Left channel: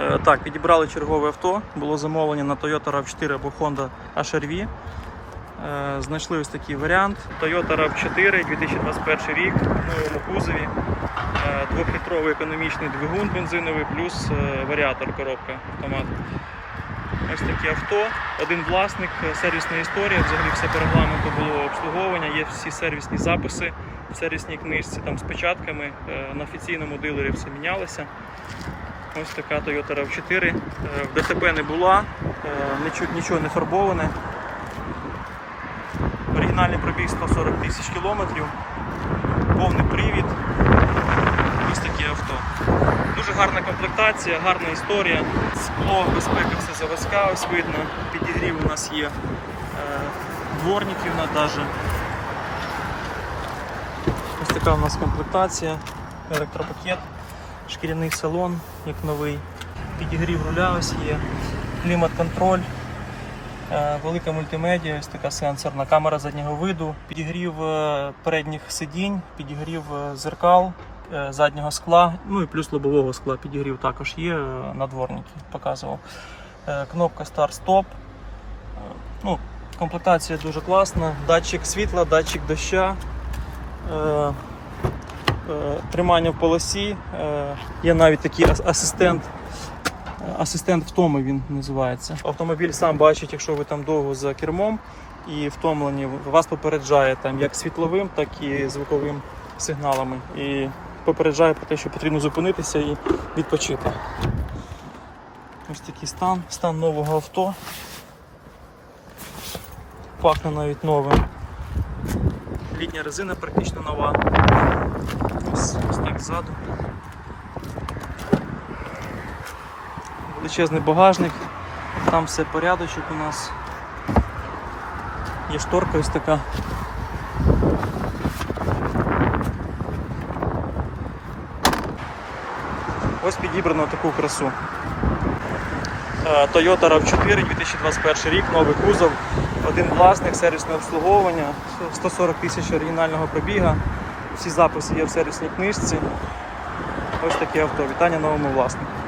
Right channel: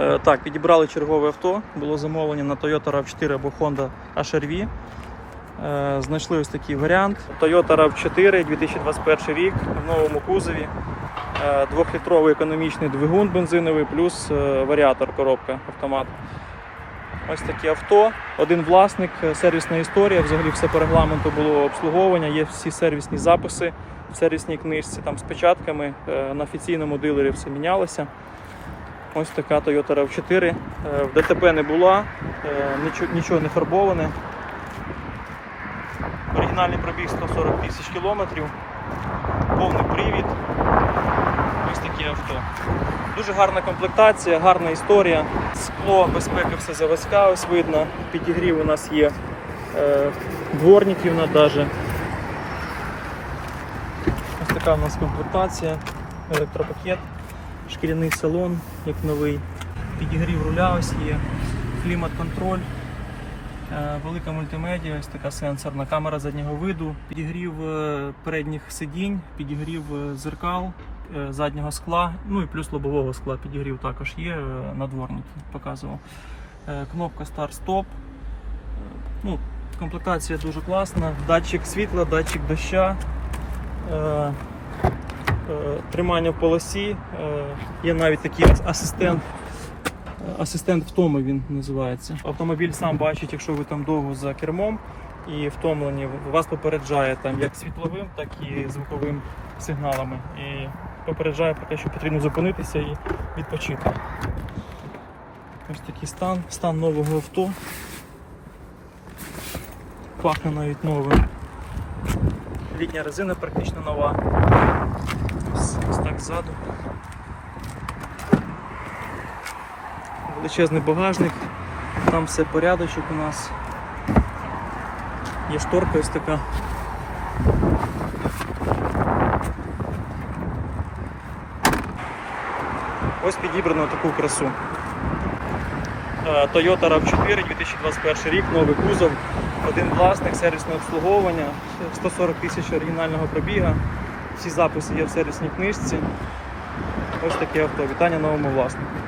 Е, так, підібрали чергове авто, було замовлення на Toyota rav 4 або Honda HRV. Е, знайшли ось такий варіант. Toyota rav 4 2021 рік в новому кузові. Е, двохлітровий економічний двигун бензиновий, плюс варіатор коробка автомат. Ось таке авто, один власник, сервісна історія. Взагалі все по регламенту було обслуговування, є всі сервісні записи в сервісній книжці там з печатками. На офіційному дилері все мінялося. Ось така Toyota rav 4 е, В ДТП не була, е, нічого не фарбоване. Оригінальний пробіг 140 тисяч кілометрів, повний привід. Ось таке авто. Дуже гарна комплектація, гарна історія. Скло, безпека, все заводська, ось видно. Підігрів у нас є е, дворників навіть. Ось така у нас комплектація, електропакет шкіряний салон, як новий, підігрів руля ось є, клімат-контроль, е, велика мультимедіа, ось така сенсорна камера заднього виду, підігрів е, передніх сидінь, підігрів е, зеркал. Заднього скла, ну і плюс лобового скла підігрів також є, на надворники показував. Кнопка старт-стоп. Ну, Комплектація дуже класна, датчик світла, датчик доща тримання в полосі. Е, є навіть такий асистент. Е, асистент втоми він називається. Автомобіль сам бачить, якщо ви там довго за кермом і втомлені, вас попереджає там як світловим, так і звуковим сигналами. І попереджає про те, що потрібно зупинитися і відпочити. Ось такий стан, стан нового авто. Пахне навіть новим. Літня резина практично нова. Ось так ззаду. Величезний багажник, там все порядочок у нас. Є шторка ось така. Ось підібрано таку красу. Е, Toyota RAV4 2021 рік, новий кузов, один власник, сервісне обслуговування, 140 тисяч оригінального пробіга. Всі записи є в сервісній книжці. Ось таке авто. Вітання новому власнику.